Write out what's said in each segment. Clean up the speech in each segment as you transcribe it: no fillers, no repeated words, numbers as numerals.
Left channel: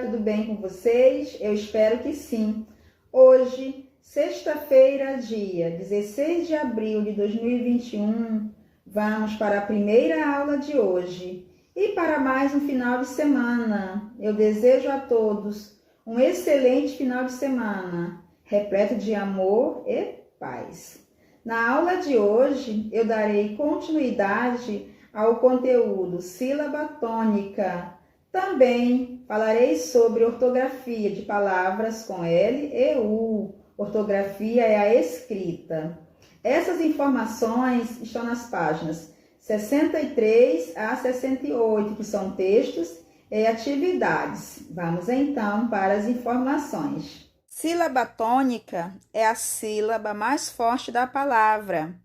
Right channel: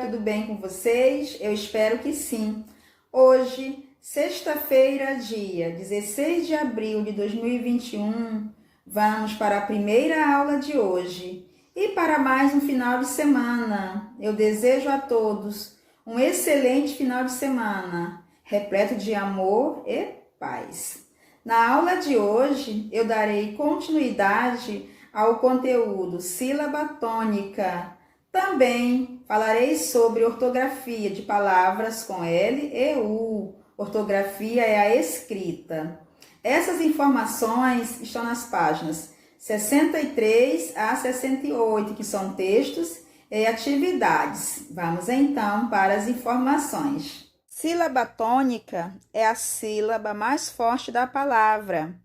dia, tudo bem com vocês? Eu espero que sim. Hoje, sexta-feira, dia 16 de abril de 2021, vamos para a primeira aula de hoje e para mais um final de semana. Eu desejo a todos um excelente final de semana, repleto de amor e paz. Na aula de hoje, eu darei continuidade ao conteúdo sílaba tônica. Também falarei sobre ortografia de palavras com L e U. Ortografia é a escrita. Essas informações estão nas páginas 63 a 68, que são textos e atividades. Vamos então para as informações. Sílaba tônica é a sílaba mais forte da palavra.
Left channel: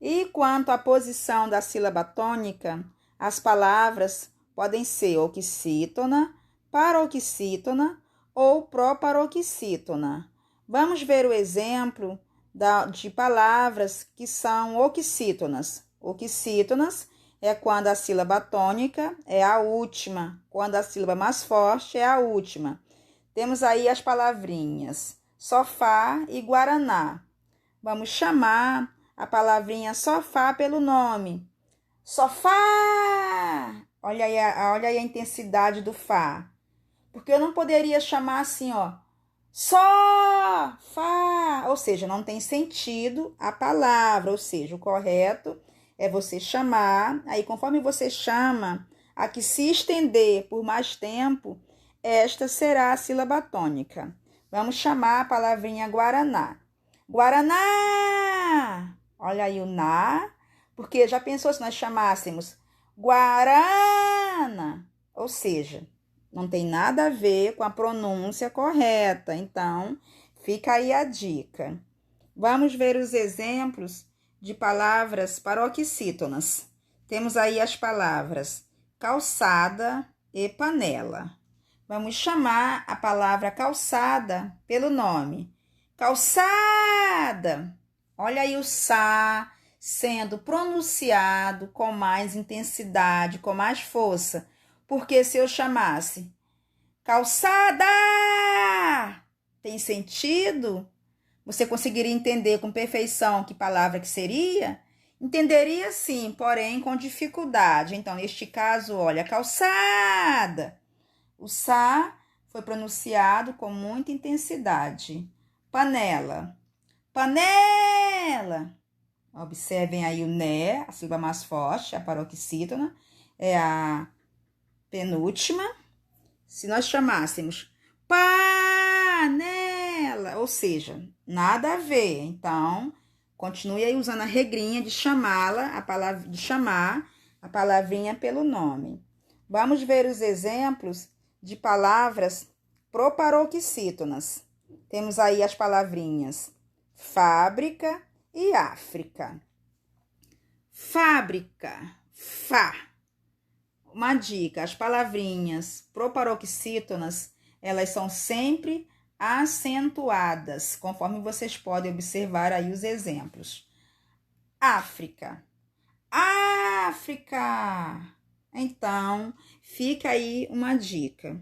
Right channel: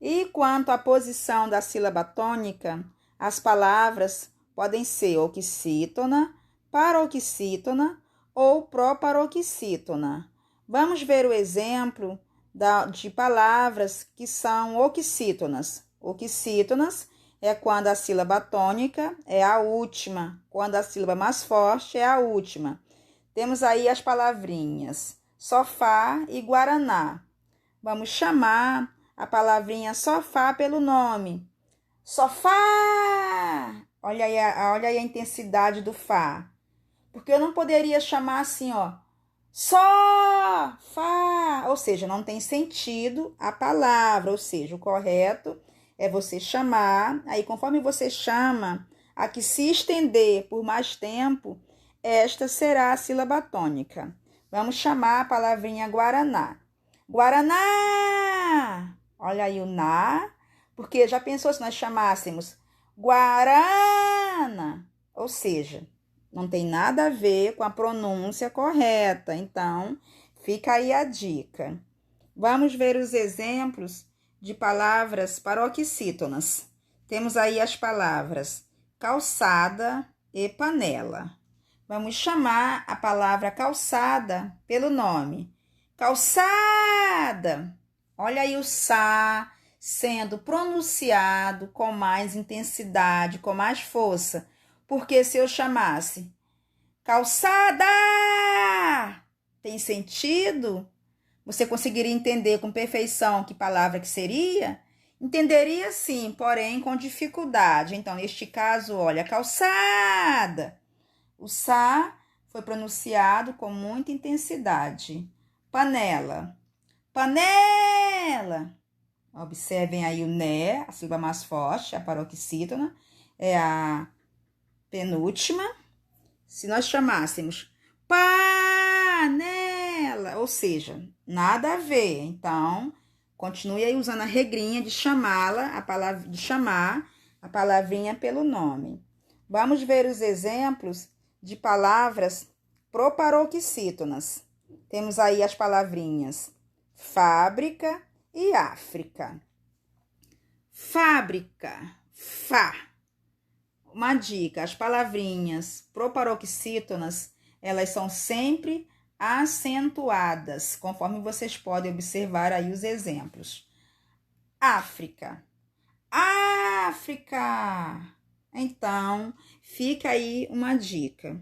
E quanto à posição da sílaba tônica, as palavras podem ser oxítona, paroxítona ou proparoxítona. Vamos ver o exemplo de palavras que são oxítonas. Oxítonas é quando a sílaba tônica é a última, quando a sílaba mais forte é a última. Temos aí as palavrinhas sofá e guaraná. Vamos chamar a palavrinha sofá pelo nome. Sofá! Olha aí a intensidade do fá. Porque eu não poderia chamar assim, ó. Só, fá. Ou seja, não tem sentido a palavra. Ou seja, o correto é você chamar. Aí, conforme você chama, a que se estender por mais tempo, esta será a sílaba tônica. Vamos chamar a palavrinha guaraná. Guaraná! Olha aí o na, porque já pensou se nós chamássemos guarana? Ou seja, não tem nada a ver com a pronúncia correta. Então, fica aí a dica. Vamos ver os exemplos de palavras paroxítonas. Temos aí as palavras calçada e panela. Vamos chamar a palavra calçada pelo nome. Calçada! Olha aí o sa sendo pronunciado com mais intensidade, com mais força. Porque se eu chamasse calçada, tem sentido? Você conseguiria entender com perfeição que palavra que seria? Entenderia sim, porém com dificuldade. Então, neste caso, olha, calçada. O sa foi pronunciado com muita intensidade. Panela. Panela. Observem aí o né, a sílaba mais forte, a paroxítona, é a penúltima. Se nós chamássemos panela, ou seja, nada a ver. Então, continue aí usando a regrinha de chamar a palavrinha pelo nome. Vamos ver os exemplos de palavras proparoxítonas. Temos aí as palavrinhas fábrica e África. Fábrica, fá. Uma dica, as palavrinhas proparoxítonas, elas são sempre acentuadas, conforme vocês podem observar aí os exemplos. África, África. Então, fica aí uma dica.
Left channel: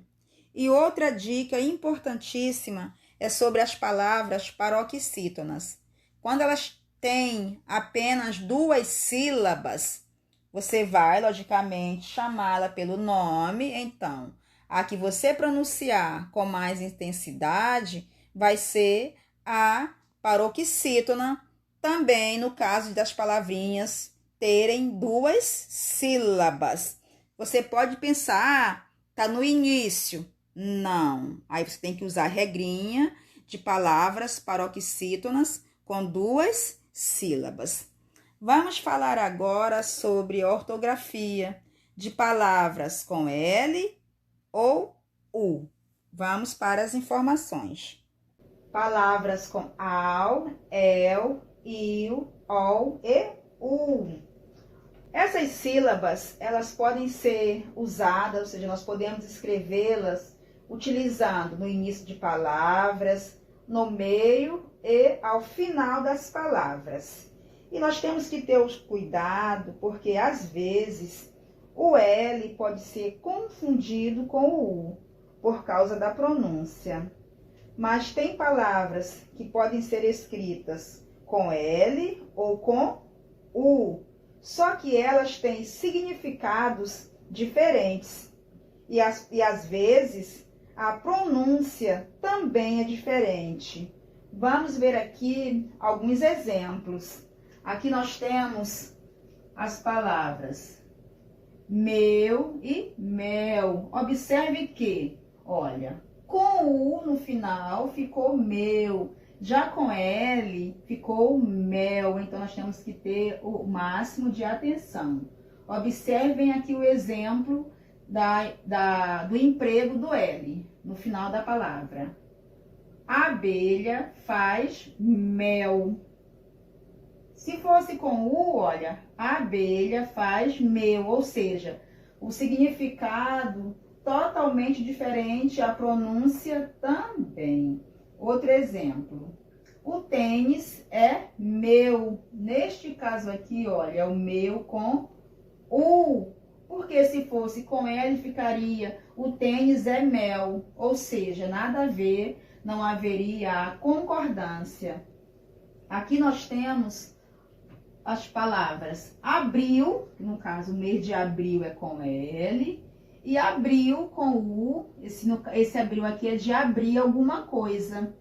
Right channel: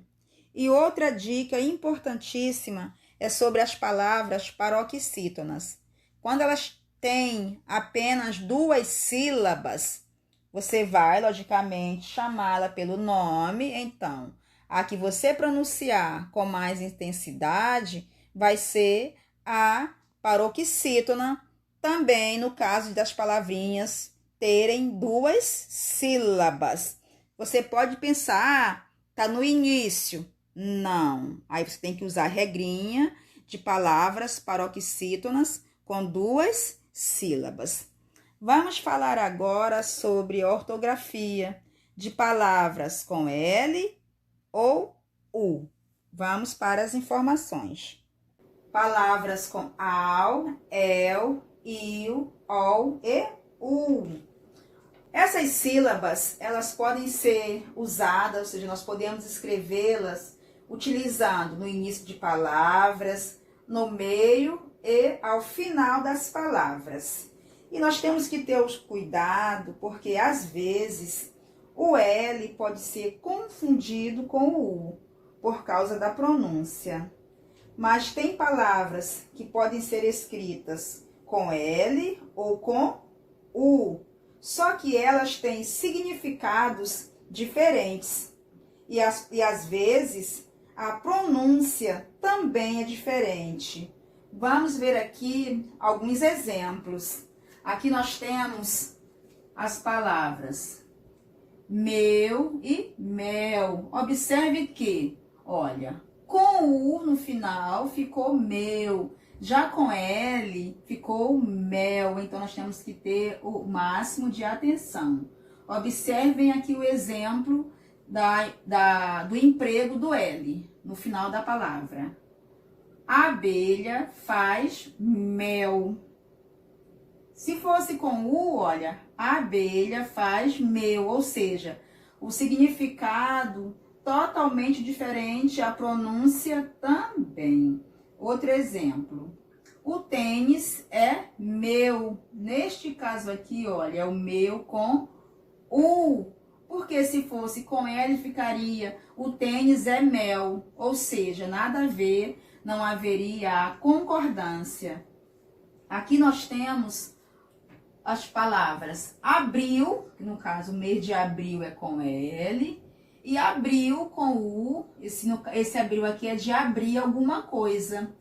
E outra dica importantíssima é sobre as palavras paroxítonas. Quando elas têm apenas 2 sílabas, você vai, logicamente, chamá-la pelo nome. Então, a que você pronunciar com mais intensidade vai ser a paroxítona, também no caso das palavrinhas terem 2 sílabas. Você pode pensar, tá no início. Não. Aí você tem que usar a regrinha de palavras paroxítonas com 2 sílabas. Vamos falar agora sobre ortografia de palavras com L ou U. Vamos para as informações. Palavras com AU, EL, IU, OL e U. Essas sílabas, elas podem ser usadas, ou seja, nós podemos escrevê-las utilizando no início de palavras, no meio e ao final das palavras. E nós temos que ter o cuidado, porque às vezes o L pode ser confundido com o U. por causa da pronúncia. Mas tem palavras que podem ser escritas com L ou com U, só que elas têm significados diferentes. E às vezes a pronúncia também é diferente. Vamos ver aqui alguns exemplos. Aqui nós temos as palavras meu e mel. Observe que, olha, com o U no final ficou meu, já com L ficou mel, então nós temos que ter o máximo de atenção. Observem aqui o exemplo do emprego do L no final da palavra. A abelha faz mel. Se fosse com U, olha, a abelha faz mel, ou seja, o significado totalmente diferente, a pronúncia também. Outro exemplo, o tênis é meu. Neste caso aqui, olha, é o meu com U, porque se fosse com L ficaria o tênis é mel, ou seja, nada a ver, não haveria a concordância. Aqui nós temos as palavras abril, que no caso o mês de abril é com L, e abril com U, esse abril aqui é de abrir alguma coisa.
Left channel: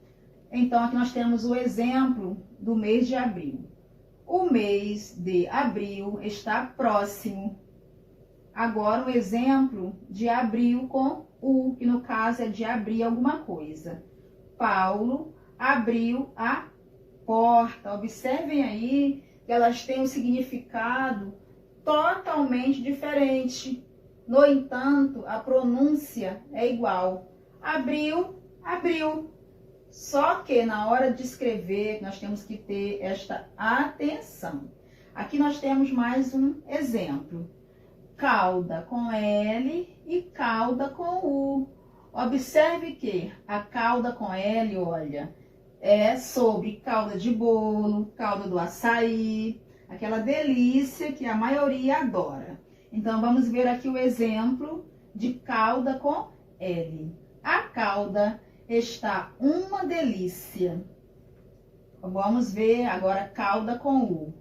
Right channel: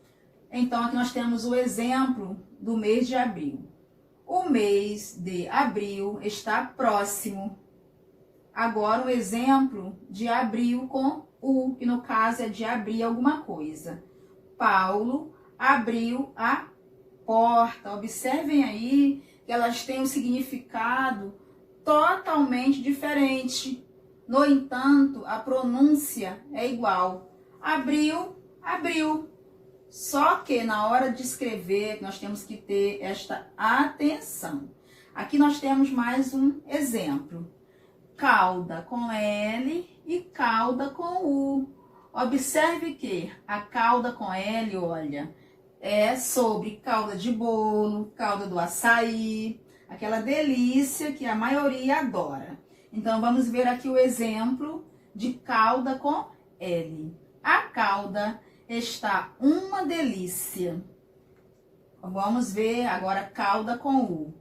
Então aqui nós temos o exemplo do mês de abril. O mês de abril está próximo. Agora o exemplo de abril com U, que no caso é de abrir alguma coisa. Paulo abriu a porta. Observem aí que elas têm um significado totalmente diferente. No entanto, a pronúncia é igual. Abriu, abriu. Só que na hora de escrever, nós temos que ter esta atenção. Aqui nós temos mais um exemplo. Calda com L e calda com U. Observe que a calda com L, olha, é sobre calda de bolo, calda do açaí, aquela delícia que a maioria adora. Então, vamos ver aqui o exemplo de calda com L. A calda está uma delícia. Vamos ver agora calda com U.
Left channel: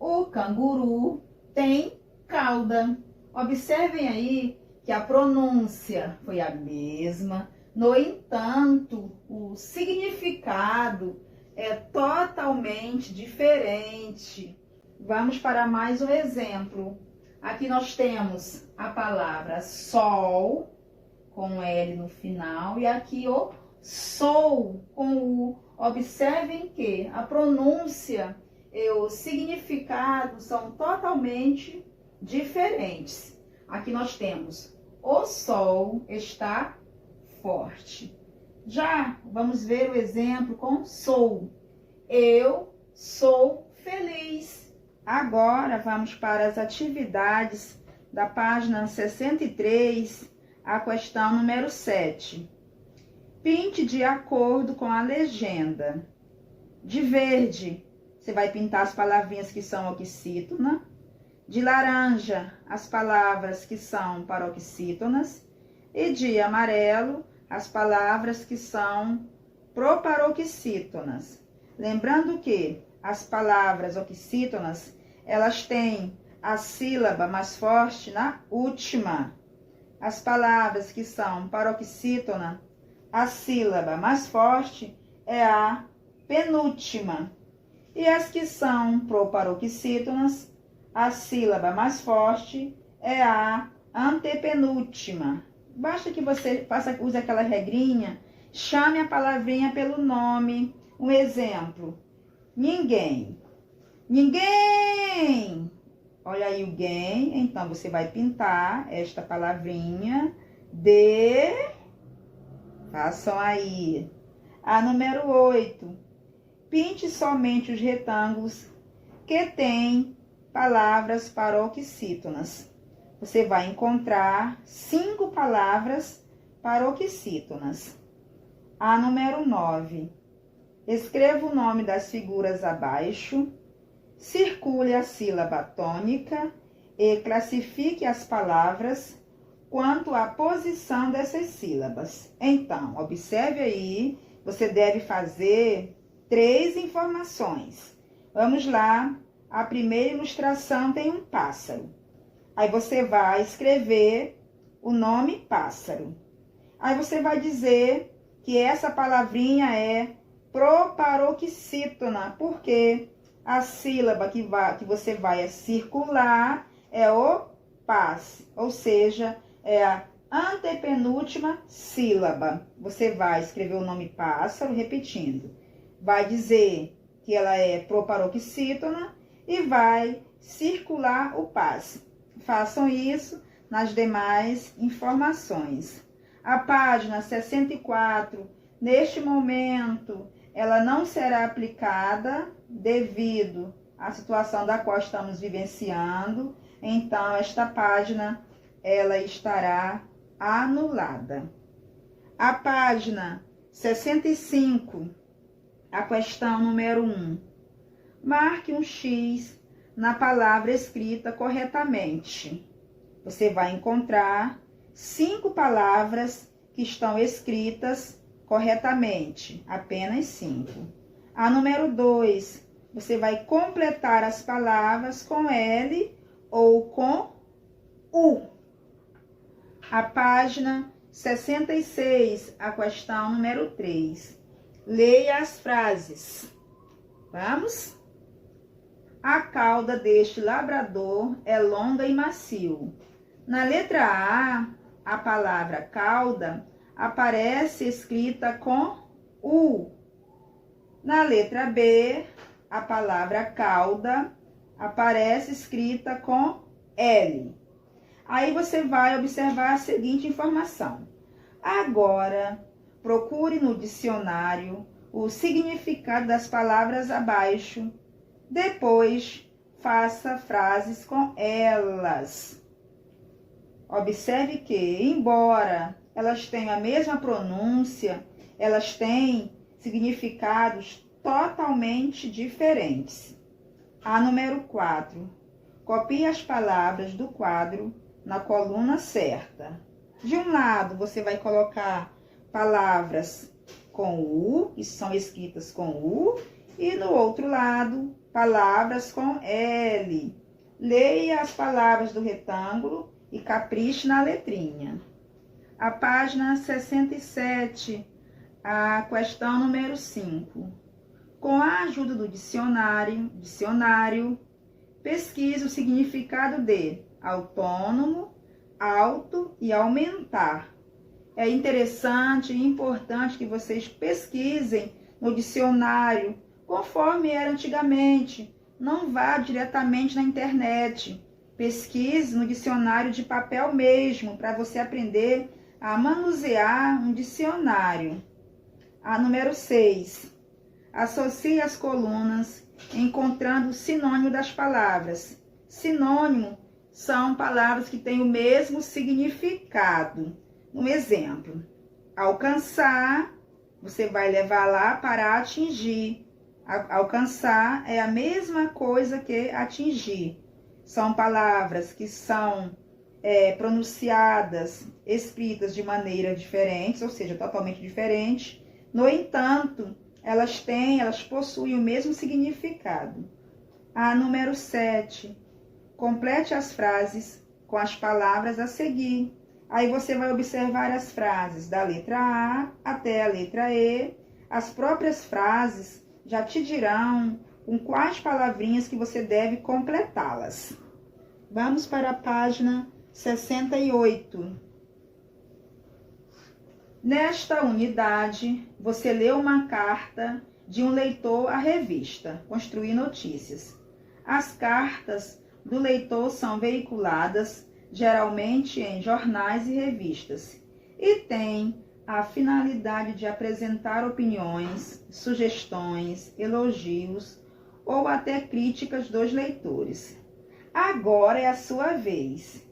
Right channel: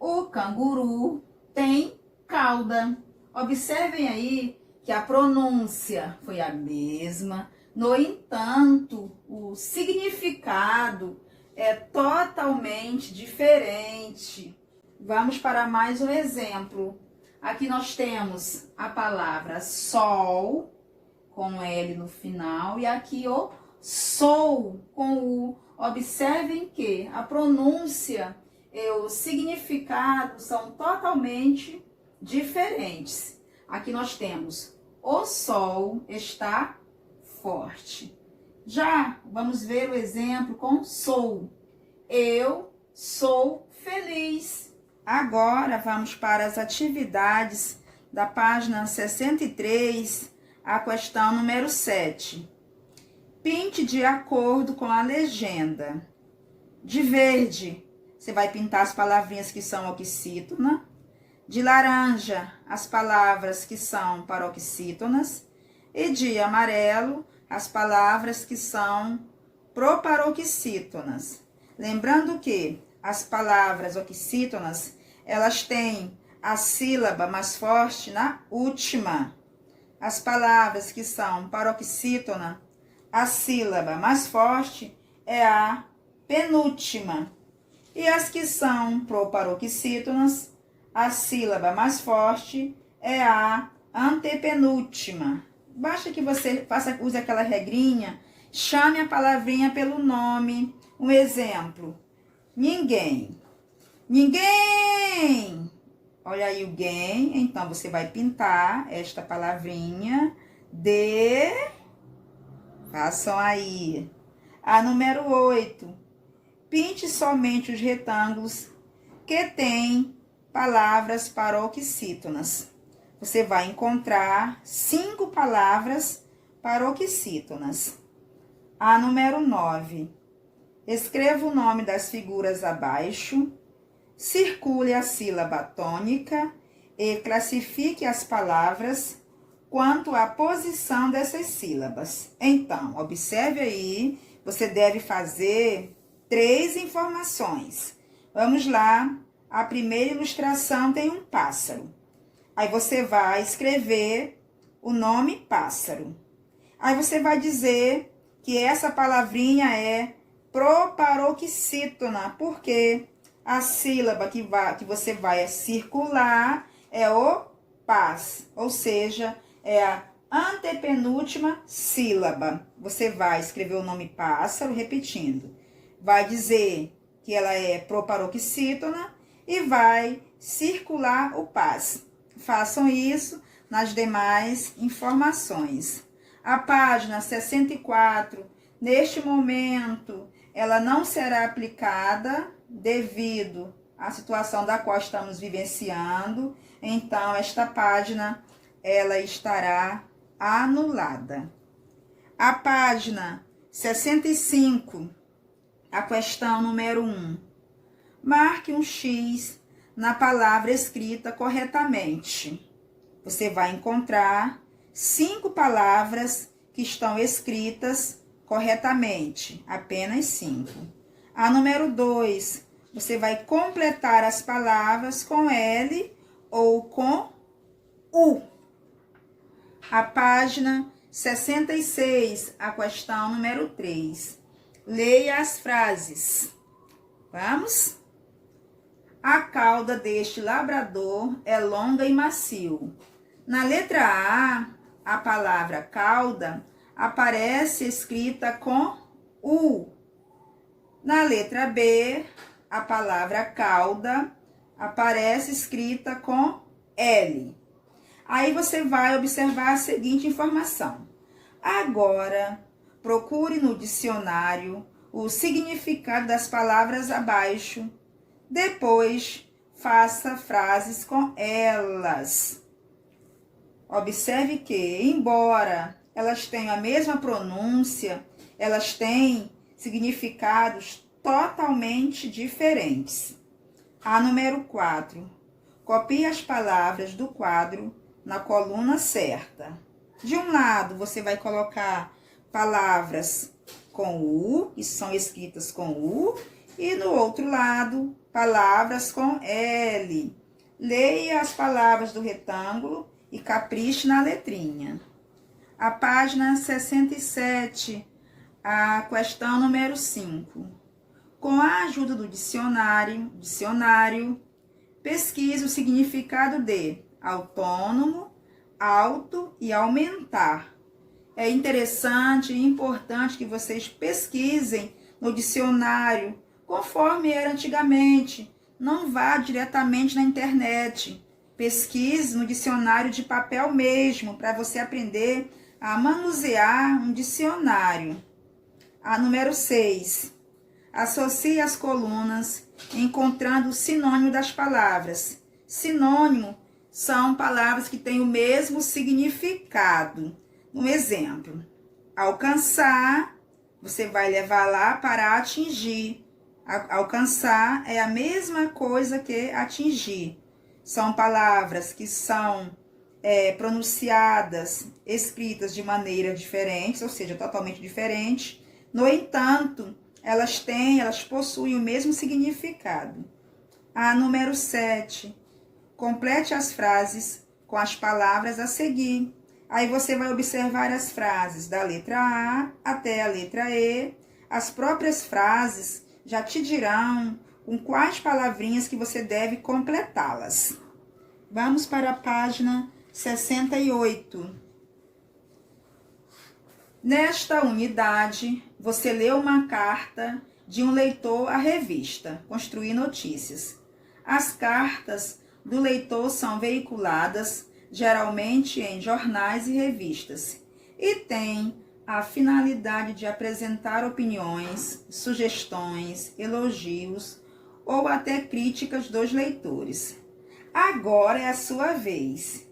O canguru tem cauda. Observem aí que a pronúncia foi a mesma, no entanto, o significado é totalmente diferente. Vamos para mais um exemplo. Aqui nós temos a palavra sol, com L no final, e aqui o sou, com U. Observem que a pronúncia e o significado são totalmente diferentes. Aqui nós temos o sol está forte. Já vamos ver o exemplo com sou. Eu sou feliz. Agora vamos para as atividades da página 63, a questão número 7. Pinte de acordo com a legenda. De verde, você vai pintar as palavrinhas que são oxítona. De laranja, as palavras que são paroxítonas. E de amarelo, as palavras que são proparoxítonas. Lembrando que as palavras oxítonas, elas têm a sílaba mais forte na última. As palavras que são paroxítona, a sílaba mais forte é a penúltima. E as que são proparoxítonas, a sílaba mais forte é a antepenúltima. Basta que você use aquela regrinha, chame a palavrinha pelo nome. Um exemplo, ninguém. Ninguém! Olha aí o guem, então você vai pintar esta palavrinha de... Façam aí. A número 8. Pinte somente os retângulos que têm palavras paroxítonas. Você vai encontrar 5 palavras paroxítonas. A número 9. Escreva o nome das figuras abaixo, circule a sílaba tônica e classifique as palavras quanto à posição dessas sílabas. Então, observe aí, você deve fazer 3 informações. Vamos lá, a primeira ilustração tem um pássaro. Aí você vai escrever o nome pássaro. Aí você vai dizer que essa palavrinha é proparoxítona, porque a sílaba que você vai circular é o pás, ou seja, é a antepenúltima sílaba. Você vai escrever o nome pássaro, repetindo. Vai dizer que ela é proparoxítona e vai circular o pás. Façam isso nas demais informações. A página 64, neste momento, ela não será aplicada devido à situação da qual estamos vivenciando. Então, esta página, ela estará anulada. A página 65, a questão número 1. Marque um X na palavra escrita corretamente. Você vai encontrar 5 palavras que estão escritas corretamente, apenas 5. A número 2, você vai completar as palavras com L ou com U. A página 66, a questão número 3. Leia as frases. Vamos? A cauda deste labrador é longa e macio. Na letra a palavra cauda aparece escrita com U. Na letra B, a palavra cauda aparece escrita com L. Aí você vai observar a seguinte informação. Agora, procure no dicionário o significado das palavras abaixo. Depois, faça frases com elas. Observe que, embora elas tenham a mesma pronúncia, elas têm significados totalmente diferentes. A número 4. Copie as palavras do quadro na coluna certa. De um lado, você vai colocar palavras com U, que são escritas com U, e no outro lado, palavras com L. Leia as palavras do retângulo e capriche na letrinha. A página 67, a questão número 5. Com a ajuda do dicionário, pesquise o significado de autônomo, alto e aumentar. É interessante e importante que vocês pesquisem no dicionário, conforme era antigamente. Não vá diretamente na internet. Pesquise no dicionário de papel mesmo, para você aprender a manusear um dicionário. A número 6. Associe as colunas encontrando o sinônimo das palavras. Sinônimo são palavras que têm o mesmo significado. Um exemplo, alcançar, você vai levar lá para atingir. Alcançar é a mesma coisa que atingir. São palavras que são pronunciadas, escritas de maneira diferente, ou seja, totalmente diferente. No entanto, elas possuem o mesmo significado. A número 7. Complete as frases com as palavras a seguir. Aí você vai observar as frases da letra A até a letra E. As próprias frases já te dirão com quais palavrinhas que você deve completá-las. Vamos para a página 68. Nesta unidade, você lê uma carta de um leitor à revista Construir Notícias. As cartas do leitor são veiculadas geralmente em jornais e revistas e têm a finalidade de apresentar opiniões, sugestões, elogios ou até críticas dos leitores. Agora é a sua vez.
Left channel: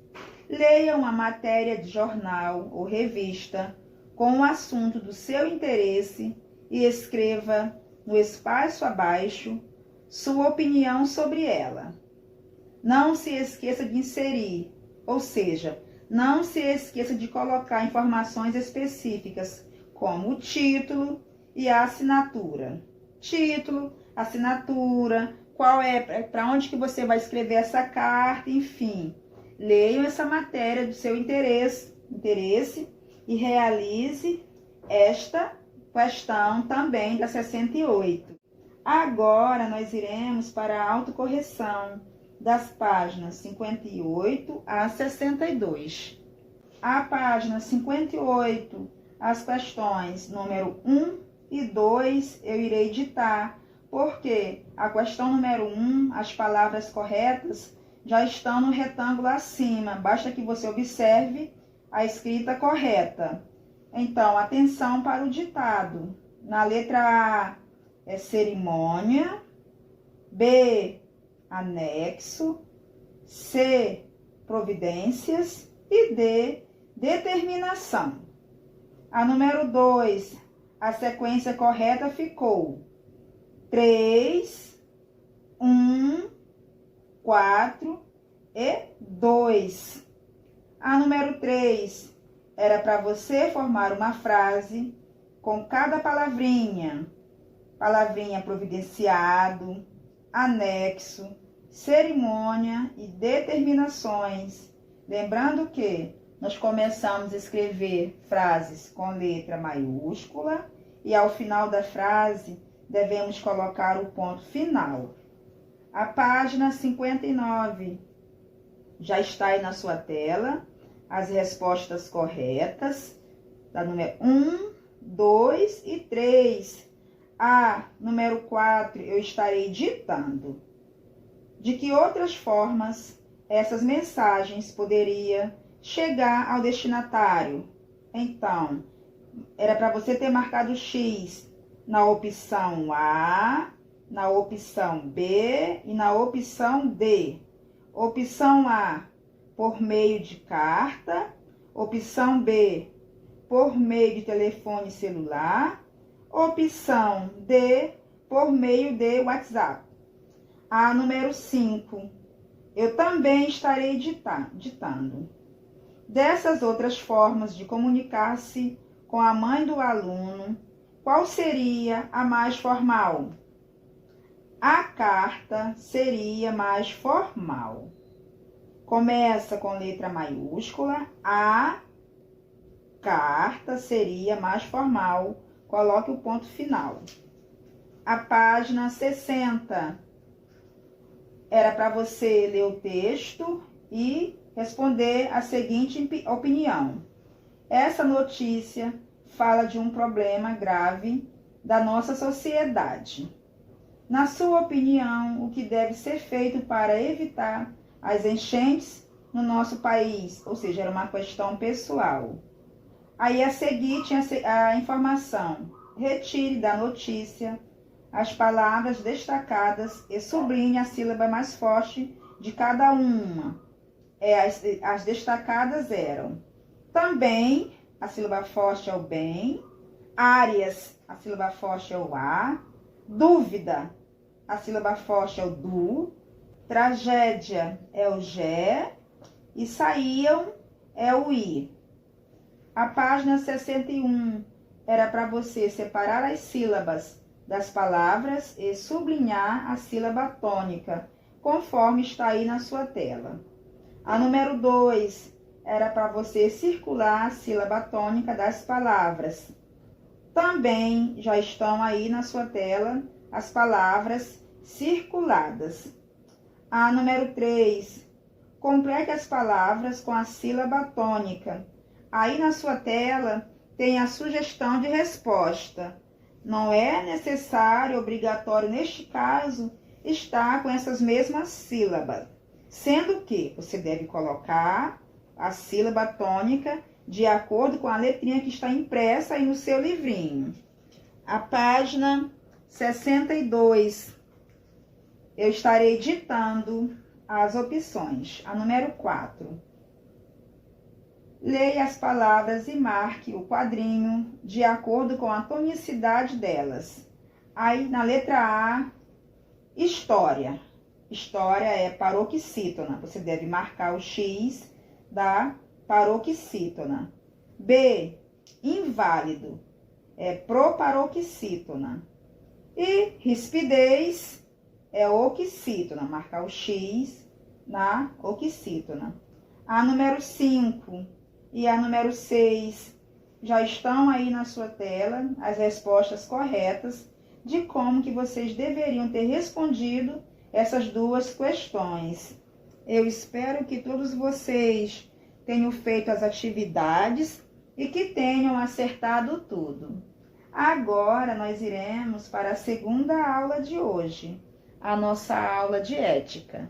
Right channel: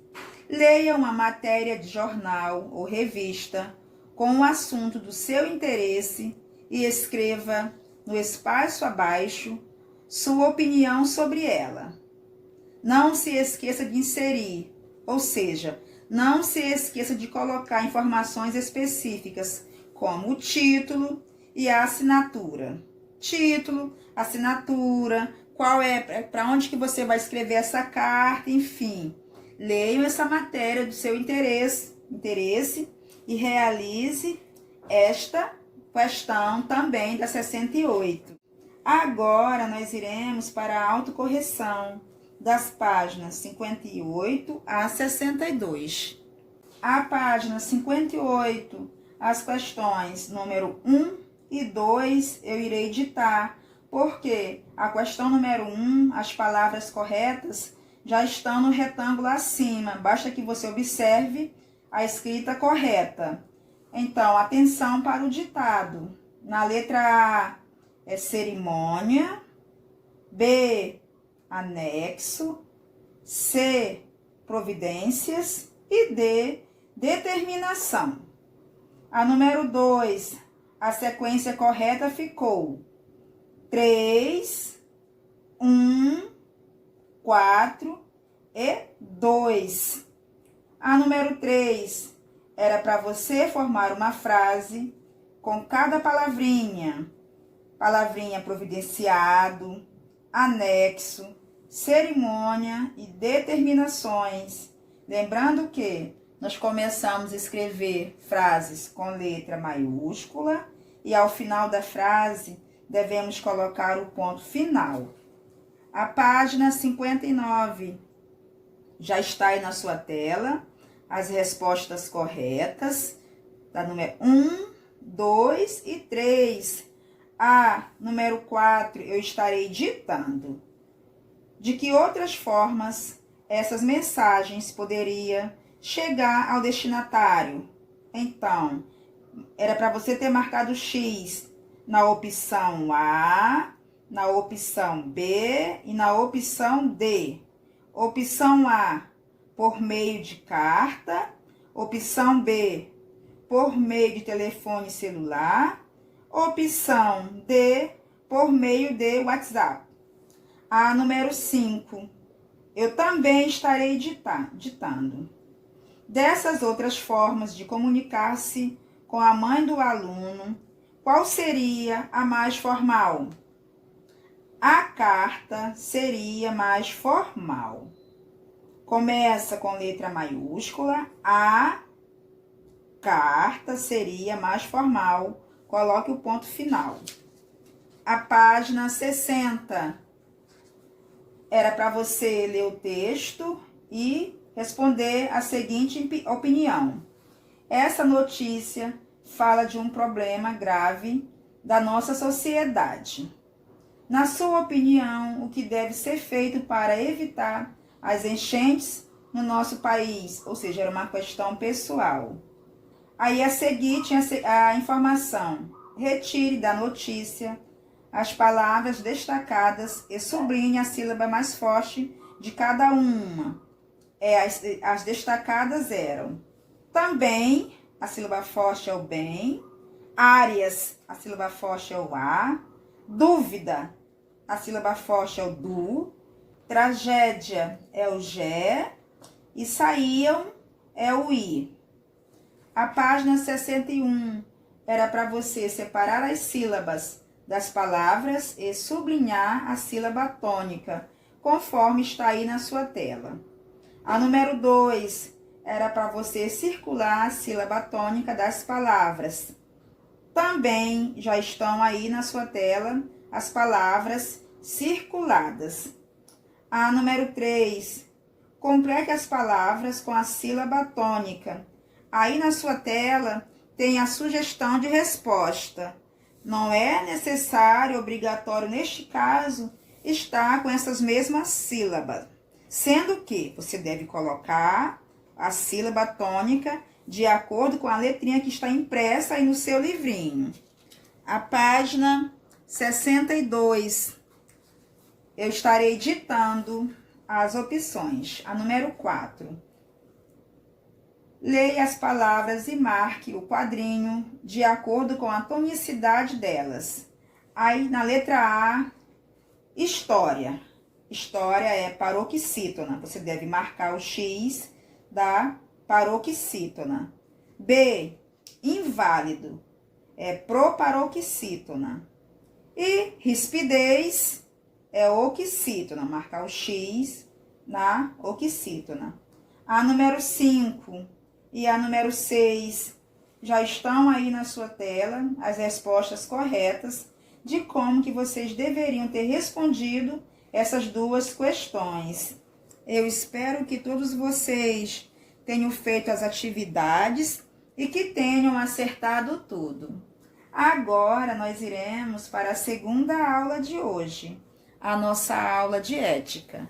Leia uma matéria de jornal ou revista com um assunto do seu interesse e escreva no espaço abaixo sua opinião sobre ela. Não se esqueça de inserir, ou seja, Não se esqueça de colocar informações específicas, como o título e a assinatura. Título, assinatura, qual é, para onde que você vai escrever essa carta, enfim. Leiam essa matéria do seu interesse e realize esta questão também da 68. Agora, nós iremos para a autocorreção das páginas 58 a 62. A página 58, as questões número 1 e 2, eu irei ditar, porque a questão número 1, as palavras corretas, já estão no retângulo acima. Basta que você observe a escrita correta. Então, atenção para o ditado. Na letra A é cerimônia, B, anexo, C, providências e D, determinação. A número 2, a sequência correta ficou 3, 1, 4 e 2. A número 3 era para você formar uma frase com cada palavrinha. Palavrinha providenciado, anexo, cerimônia e determinações. Lembrando que nós começamos a escrever frases com letra maiúscula e ao final da frase devemos colocar o ponto final. A página 59 já está aí na sua tela, as respostas corretas, da número 1, 2 e 3. A número 4 eu estarei ditando. De que outras formas essas mensagens poderiam chegar ao destinatário? Então, era para você ter marcado X na opção A, na opção B e na opção D. Opção A, por meio de carta. Opção B, por meio de telefone celular. Opção D, por meio de WhatsApp. A número 5, eu também estarei ditando. Dessas outras formas de comunicar-se com a mãe do aluno, qual seria a mais formal? A carta seria mais formal. Começa com letra maiúscula, a carta seria mais formal. Coloque o ponto final. A página 60 era para você ler o texto e responder a seguinte opinião. Essa notícia fala de um problema grave da nossa sociedade. Na sua opinião, o que deve ser feito para evitar as enchentes no nosso país? Ou seja, era uma questão pessoal. Aí a seguir tinha a informação. Retire da notícia as palavras destacadas e sublinhe a sílaba mais forte de cada uma. As destacadas eram também, a sílaba forte é o bem, áreas, a sílaba forte é o a, dúvida, a sílaba forte é o do, tragédia é o gé e saíam é o i. A página 61 era para você separar as sílabas das palavras e sublinhar a sílaba tônica, conforme está aí na sua tela. A número 2 era para você circular a sílaba tônica das palavras. Também já estão aí na sua tela as palavras circuladas. A número 3, complete as palavras com a sílaba tônica. Aí na sua tela tem a sugestão de resposta. Não é necessário, obrigatório, neste caso, estar com essas mesmas sílabas. Sendo que você deve colocar a sílaba tônica de acordo com a letrinha que está impressa aí no seu livrinho. A página 62, eu estarei ditando as opções. A número 4. Leia as palavras e marque o quadrinho de acordo com a tonicidade delas. Aí, na letra A, história. História é paroxítona. Você deve marcar o X da paroxítona. B, inválido, é proparoxítona. E rispidez é oxítona, marcar o X na oxítona. A número 5 e a número 6 já estão aí na sua tela, as respostas corretas de como que vocês deveriam ter respondido essas duas questões. Eu espero que todos vocês tenham feito as atividades e que tenham acertado tudo. Agora nós iremos para a segunda aula de hoje, a nossa aula de ética.